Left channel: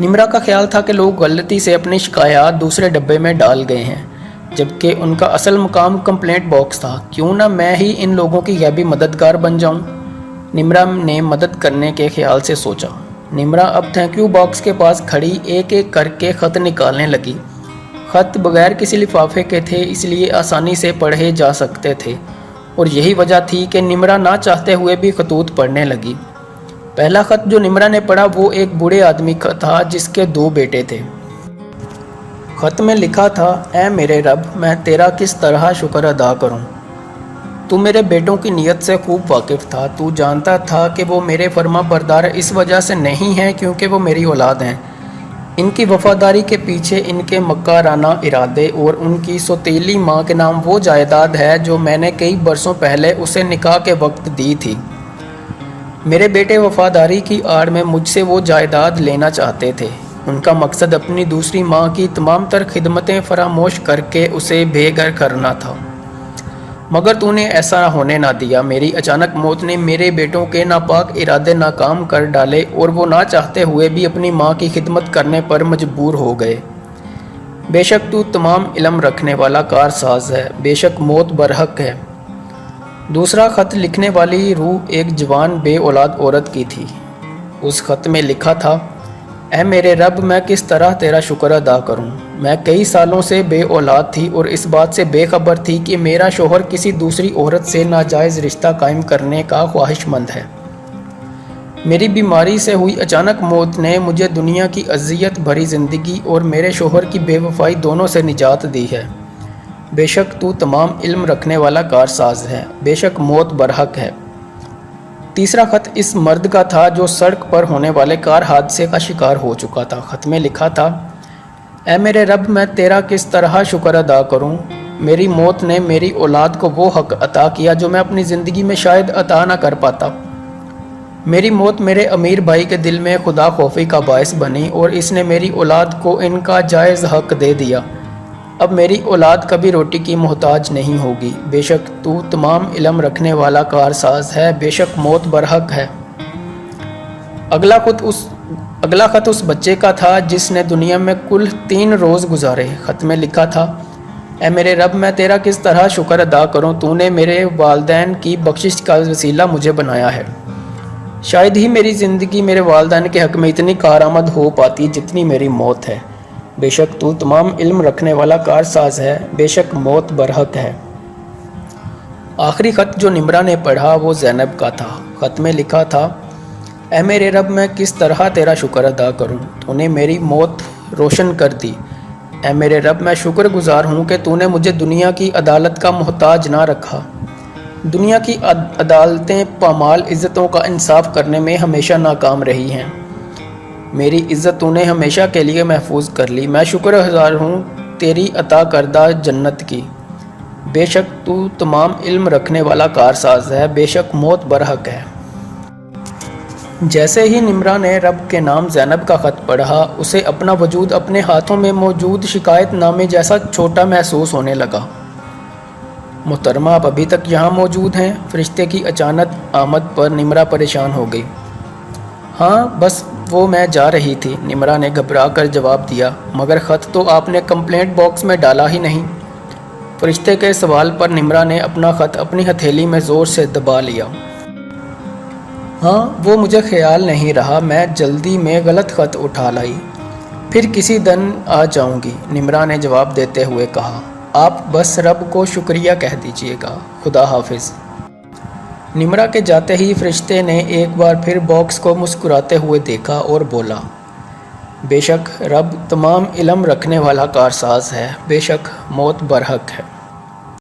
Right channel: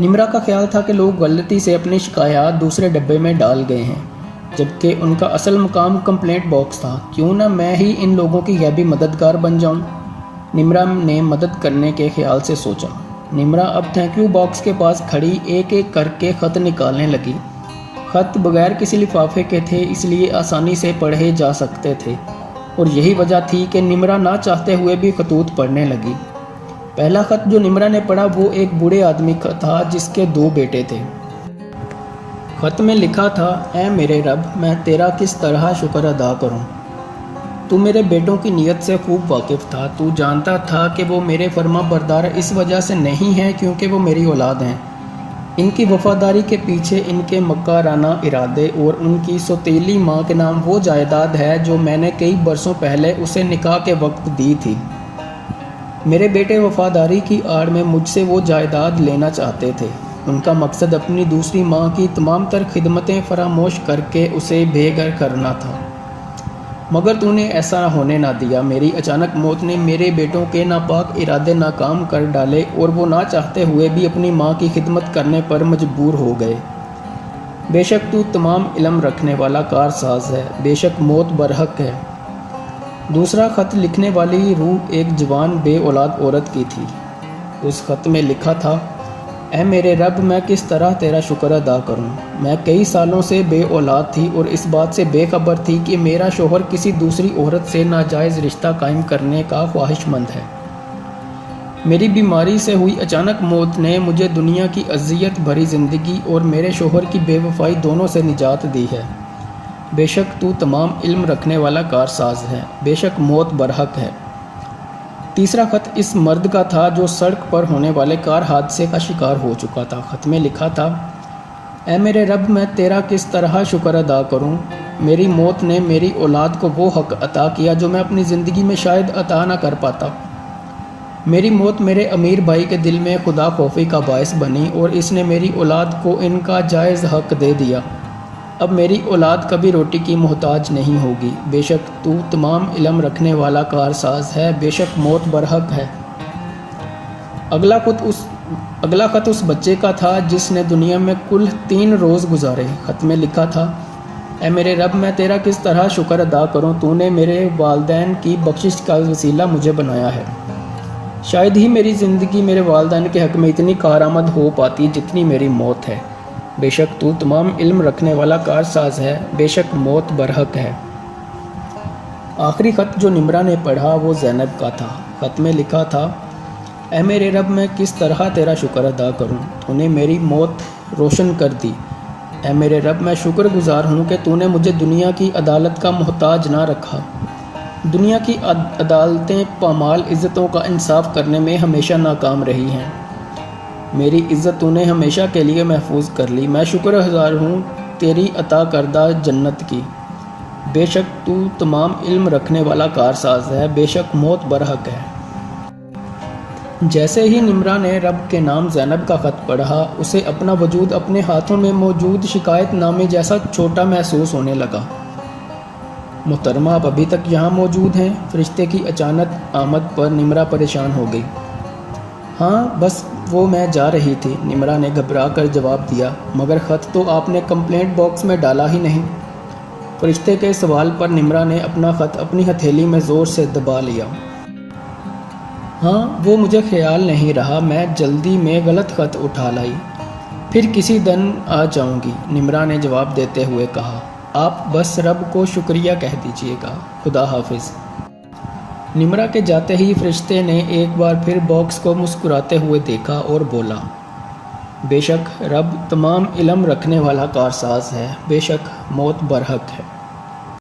निम्रा का ख्याल था कि लोग गलती से अपनी शिकायत दूसरे डब्बे में डाल गए हैं, जबकि उनका असल मुकाम कंप्लेंट बॉक्स था। क्यों ना मैं ही इन लोगों की गैबी मददगार बन जाऊं? निम्रा ने मदद करने के ख्याल से सोचा। निम्रा अब थैंक यू बॉक्स के पास खड़ी एक एक करके ख़त निकालने लगी। ख़त बगैर किसी लिफाफे के थे, इसलिए आसानी से पढ़े जा सकते थे, और यही वजह थी कि निम्रा ना चाहते हुए भी खतूत पढ़ने लगी। पहला ख़त जो निम्रा ने पढ़ा वो एक बूढ़े आदमी का था जिसके 2 बेटे थे। ख़त में लिखा था, ऐ मेरे रब, मैं तेरा किस तरह शुक्र अदा करूं। तू मेरे बेटों की नीयत से खूब वाकिफ़ था। तू जानता था कि वो मेरे फर्मा बरदार इस वजह से नहीं हैं क्योंकि वो मेरी औलाद हैं। इनकी वफादारी के पीछे इनके मक्काराना इरादे और उनकी सौतेली माँ के नाम वो जायदाद है जो मैंने कई बरसों पहले उसे निकाह के वक्त दी थी। मेरे बेटे वफादारी की आड़ में मुझसे वो जायदाद लेना चाहते थे। उनका मकसद अपनी दूसरी माँ की तमाम तर खिदमतें फरामोश करके उसे बेघर करना था, मगर तूने ऐसा होने ना दिया। मेरी अचानक मौत ने मेरे बेटों के नापाक इरादे नाकाम कर डाले और वो ना चाहते हुए भी अपनी माँ की खिदमत करने पर मजबूर हो गए। बेशक तू तमाम इल्म रखने वाला कारसाज है, बेशक मौत बरहक है। दूसरा ख़त लिखने वाली रूह एक जवान बे औलाद औरत की थी। उस ख़त में लिखा था, ऐ मेरे रब, मैं किस तरह तेरा शुक्र अदा करूं। मैं कई सालों से बे औलाद थी और इस बात से बेखबर थी कि मेरा शोहर किसी दूसरी औरत से नाजायज़ रिश्ता कायम करने का ख्वाहिशमंद है। मेरी बीमारी से हुई अचानक मौत ने मुझे दुनिया की अजियत भरी ज़िंदगी और मेरे शोहर की बेवफाई दोनों से निजात दी है। बेशक तू तमाम इल्म रखने वाला कारसाज है, बेशक मौत बरहक है। तीसरा ख़त इस मर्द का था जो सड़क पर होने वाले कार हादसे का शिकार हो चुका था। ख़त में लिखा था, ऐ मेरे रब, मैं तेरा किस तरह शुक्र अदा करूं। मेरी मौत ने मेरी औलाद को वो हक़ अता किया जो मैं अपनी ज़िंदगी में शायद अता ना कर पाता। मेरी मौत मेरे अमीर भाई के दिल में खुदा खौफी का बायस बनी और इसने मेरी औलाद को इनका जायज़ हक़ दे दिया। अब मेरी औलाद कभी रोटी की मोहताज नहीं होगी। बेशक तू तमाम इल्म रखने वाला कारसाज है, बेशक मौत बरहक है। अगला ख़त उस बच्चे का था जिसने दुनिया में कुल 3 रोज़ गुजारे। ख़त में लिखा था, ऐ मेरे रब, मैं तेरा किस तरह शुक्र अदा करूं। तूने मेरे वालदैन की बख्शिश का वसीला मुझे बनाया है। शायद ही मेरी ज़िंदगी मेरे वालदैन के हक़ में इतनी कारआमद हो पाती जितनी मेरी मौत है। बेशक तू तमाम इल्म रखने वाला कारसाज है, बेशक मौत बरहक है। आखिरी ख़त जो निम्रा ने पढ़ा वो ज़ैनब का था। ख़त में लिखा था, ऐ मेरे रब, मैं किस तरह तेरा शुक्र अदा करूं। तूने मेरी मौत रोशन कर दी। ऐ मेरे रब, मैं शुक्रगुजार हूँ कि तूने मुझे दुनिया की अदालत का मोहताज ना रखा। दुनिया की अदालतें पामाल इज़्ज़तों का इंसाफ करने में हमेशा नाकाम रही हैं। मेरी इज़्ज़त तूने हमेशा के लिए महफूज कर ली। मैं शुक्रगुजार हूँ तेरी अता करदा जन्नत की। बेशक तू तमाम इल्म रखने वाला कारसाज है, बेशक मौत बरहक है। जैसे ही निम्रा ने रब के नाम ज़ैनब का ख़त पढ़ा, उसे अपना वजूद अपने हाथों में मौजूद शिकायत नामे जैसा छोटा महसूस होने लगा। मोहतरमा, आप अभी तक यहाँ मौजूद हैं? फरिश्ते की अचानक आमद पर निम्रा परेशान हो गई। हाँ, बस वो मैं जा रही थी, निम्रा ने घबरा कर जवाब दिया। मगर ख़त तो आपने कंप्लेंट बॉक्स में डाला ही नहीं। फरिश्ते के सवाल पर निम्रा ने अपना ख़त अपनी हथेली में ज़ोर से दबा लिया। हाँ, वो मुझे ख्याल नहीं रहा, मैं जल्दी में गलत ख़त उठा लाई। फिर किसी दिन आ जाऊंगी, निम्रा ने जवाब देते हुए कहा। आप बस रब को शुक्रिया कह दीजिएगा। खुदा हाफिज़। निम्रा के जाते ही फरिश्ते ने एक बार फिर बॉक्स को मुस्कुराते हुए देखा और बोला, बेशक रब तमाम इल्म रखने वाला कारसाज है, बेशक मौत बरहक है।